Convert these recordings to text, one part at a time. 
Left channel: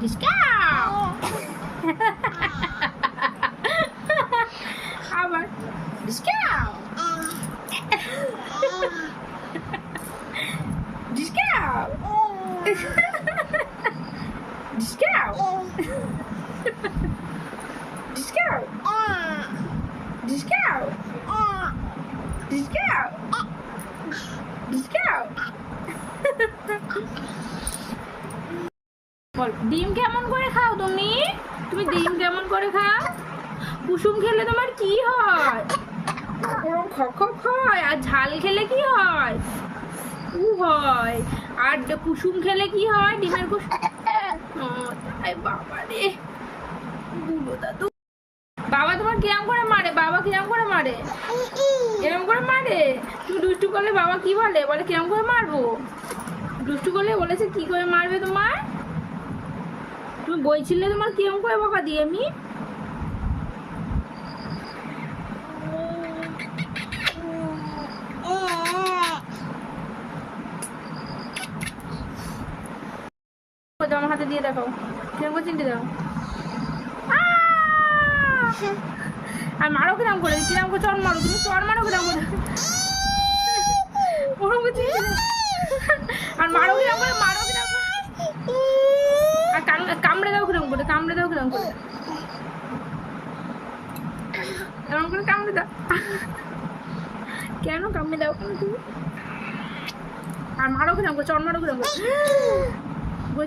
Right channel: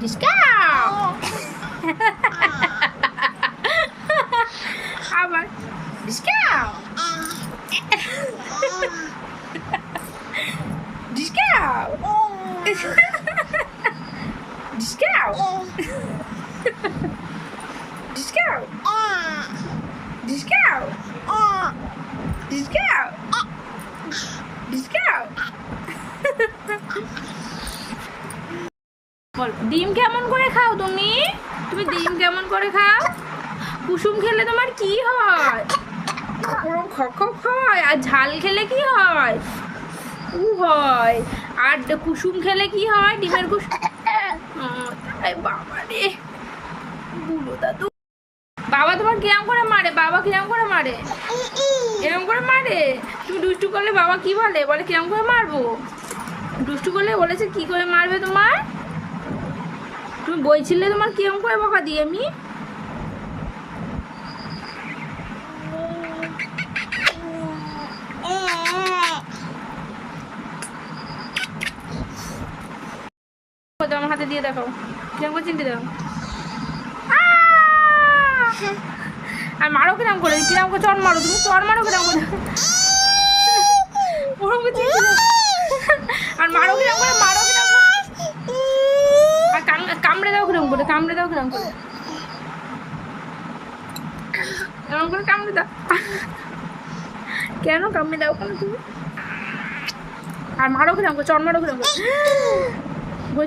ডিসকাউ আবার ডিসকাউ ডিসকাউ ডিসকাউ ডিসকাউ ডিসকাউ ডিসকাউ ডিসকাউ বল ডিম কেমন করে খাও তুমি? তুমি ডিম কেমন করে খাও? কুসুম খেলে তোমার কি হয়? ওরকম খক হয়। আর ঝাল খেলে কি হয়? উ হয়। আর কুসুম খেলে কি হয়? ডিমের কুসুম। বাবা রে বুড়ো দাদু। বাবা তোমার কিরম করে মারে? বাবা কিরম করে মারে? এরম করে মারে? তুমি দুষ্টু করলে বাবা কি বলে? বলে কিরম করে মারবো? দুষ্টু করলে বলেছে কি করে মারবে তোমার? তুমি বলছিলে তোমার কিরম করে বকা দিই আমি? আমার হাতে দিয়ে দেখো কিরম করে চিনতে দাও। আর মারো কিরম করে? কিরম করে চর মারো? তুমি চর মারো কিরম করে? আর মারো কিরম করে? মারো কিরম করে? আর কামড়ে দাও কিরম করে? কামড়ে দাও কিরম করে? এমন করে কামড়ে দাও। কেন কামড়ে দাও কেন তুমি? আর মারো কিরম করে? চর মারো কিরম করে?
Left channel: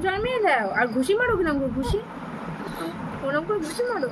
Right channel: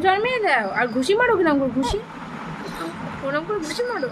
চর মেরে দাও। আর ঘুষি মারো কিরম করে? ঘুষি ওরকম করে ঘুষি মারো।